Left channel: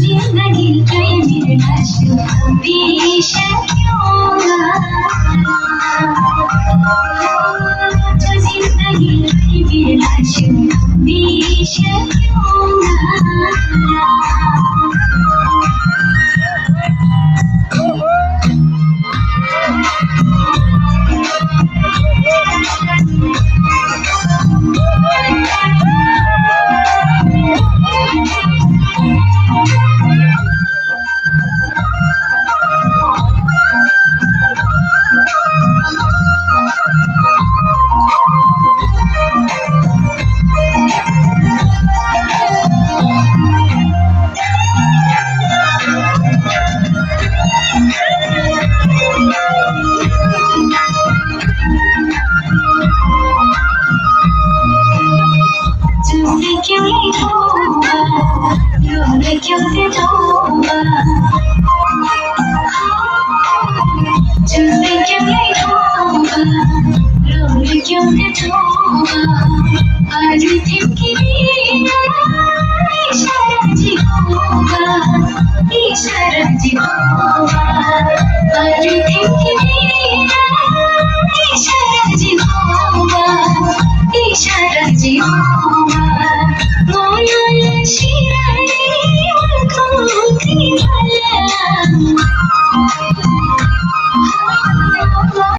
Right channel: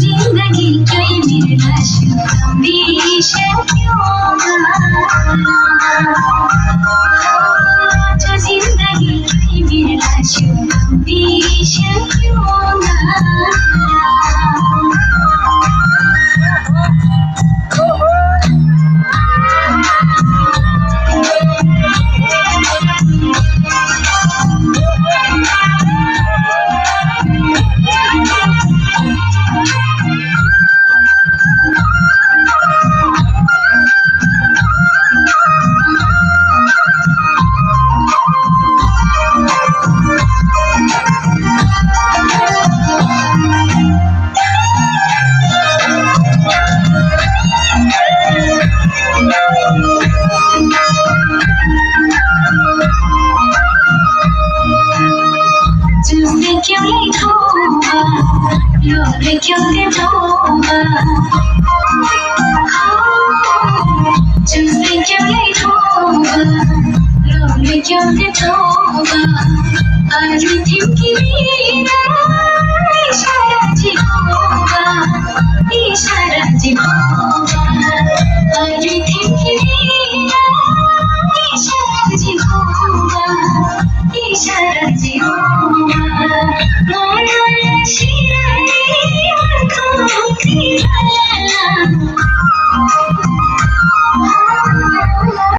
जिंदगी कोई मेरा शुभ हमेशा क्यों जो जिंदगी कोई मेरा शुभ हमेशा क्यों तुझसे क्यों नहीं होगा, लोग क्यों नहीं होगा।